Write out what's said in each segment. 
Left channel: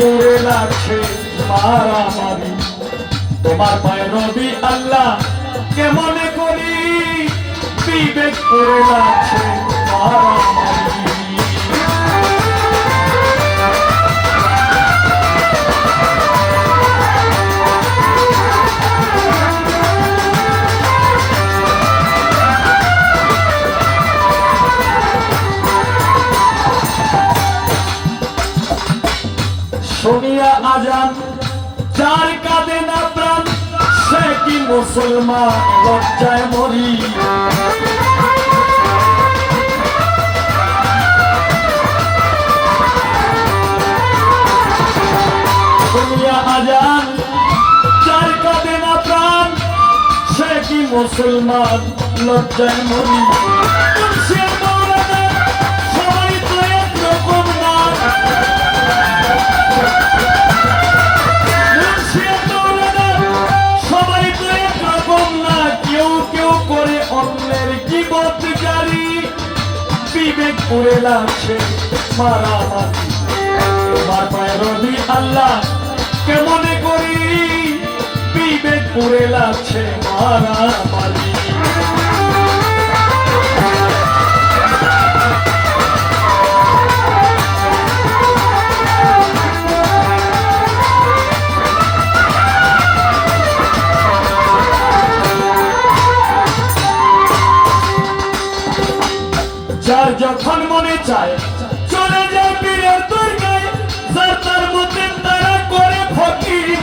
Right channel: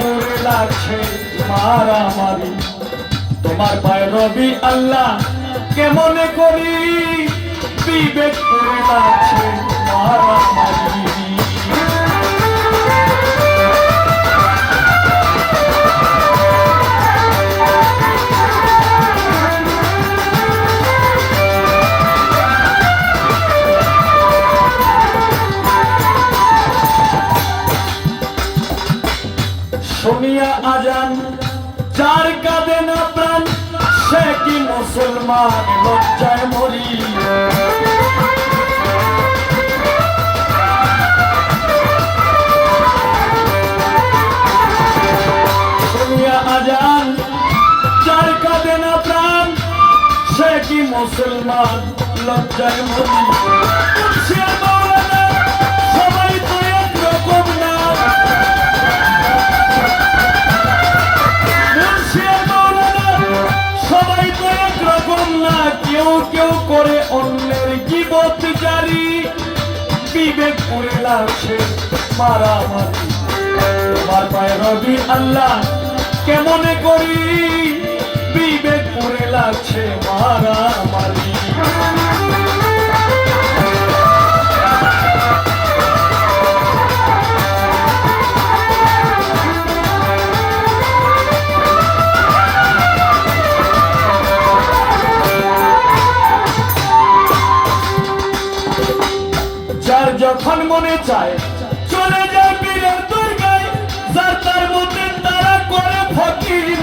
করে লাগছে মারামারি তোমার পায়ে রবি আল্লাহ কেমনে করি বিবেক করে লাগছে মারামারি শুনিয়া আজান যার কাঁদে না প্রাণ সে কি মুসলমান লজ্জায় মরি শুনিয়া আজান যার কাঁদে না প্রাণ সে কি মুসলমান লজ্জায় মরি সবাই তো একরকম না সবাই তো একরকম না কেউ কেউ করে অন্যের গীবত জারি বিবেক করে লাগছে মারামারি তোমার পায়ে রবি আল্লাহ কেমনে করি বিবেক করে লাগছে মারামারি যার যখন মনে চায় চলে যায় পীরের দরগায় যার তার মতে তারা করে ফকিরি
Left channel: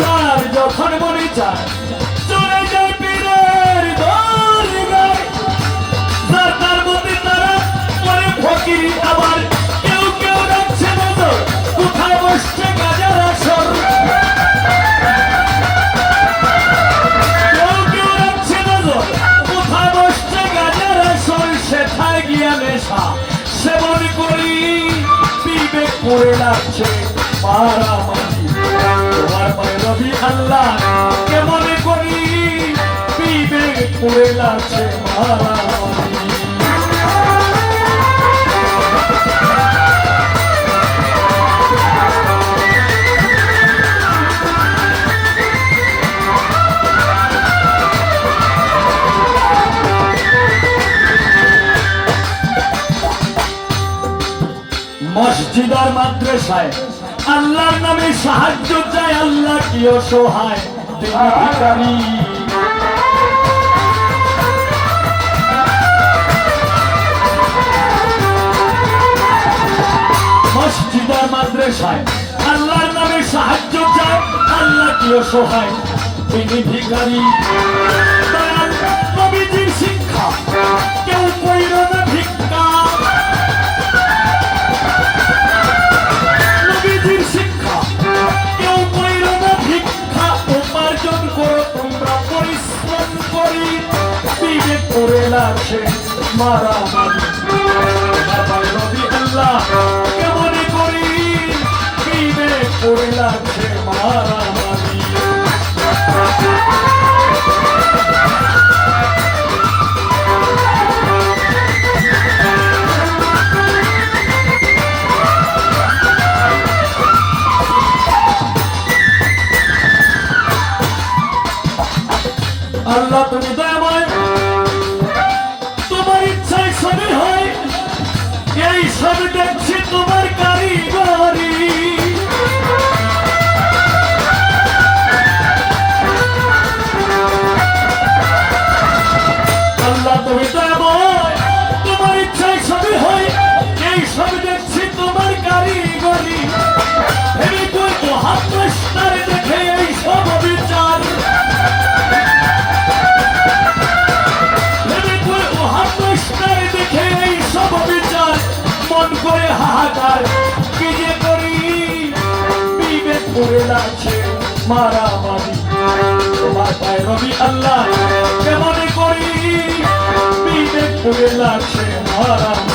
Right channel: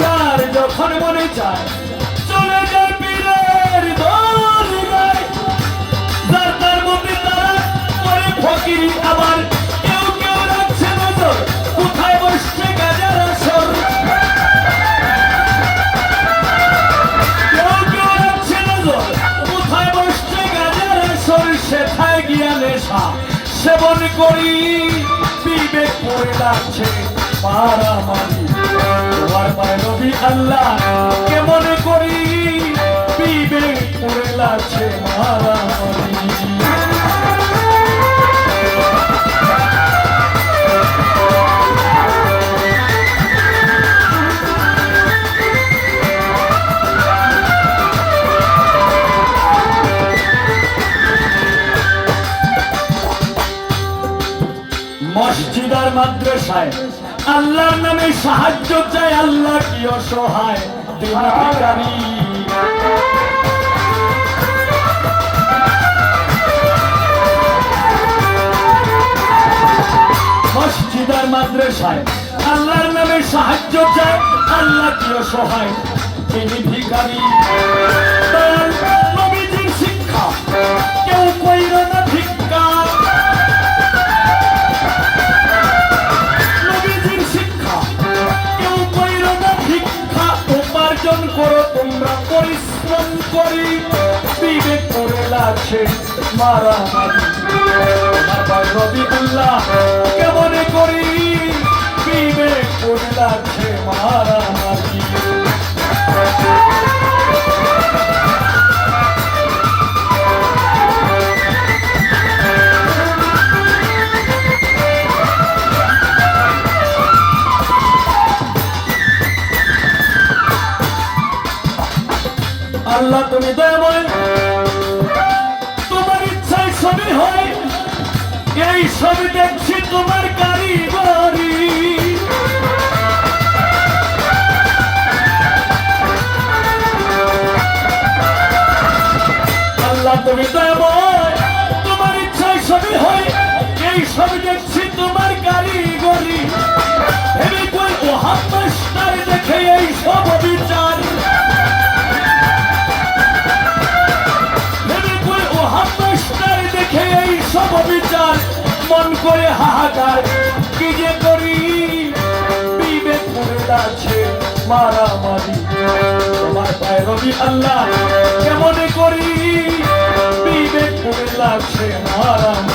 যার যখন মনে চায় চলে যায় পীরের দরগায় যার তার মতে তারা করে ফকিরি আবার কেউ কেউ রাখছে নজর কোথায় বসছে গাজার আসর সেথায় গিয়া নেশা সেবন করি বিবেক করে লাগছে মারামারি তোমার পায়ে রবি আল্লাহ কেমনে করি বিবেক করে লাগছে মারামারি মসজিদ আর মাদ্রাসায় আল্লাহর নামে সাহায্য চায় আল্লাহ কি অসহায় তিনি ভিখারি মসজিদ আর মাদ্রাসায় আল্লাহর নামে সাহায্য চায় আল্লাহ কি অসহায় তিনি ভিখারি নবীজির শিক্ষা কেউ কইর না ভিক্ষা উপার্জন করো তোমরা পরিশ্রম করি বিবেক করে লাগছে মারামারি রবি আল্লাহ কেমনে করি বিবেক করে লাগছে মারামারি আল্লাহ তুমি দয়াময় তোমার ইচ্ছায় সবই হয় এই সব দেখছি তোমার কারিগরি আল্লাহ তুমি দয়াময় তোমার ইচ্ছায় সবই হয় এই সব দেখছি তোমার কারিগরি ভেবে কই ও হাফমাস্টার দেখে এই সব বিচার মন করে হাহাকার কি যে করি বিবেক করে লাগছে মারামারি তোমার পায়ে রবি আল্লাহ কেমনে করি বিবেক করে লাগছে মারামারি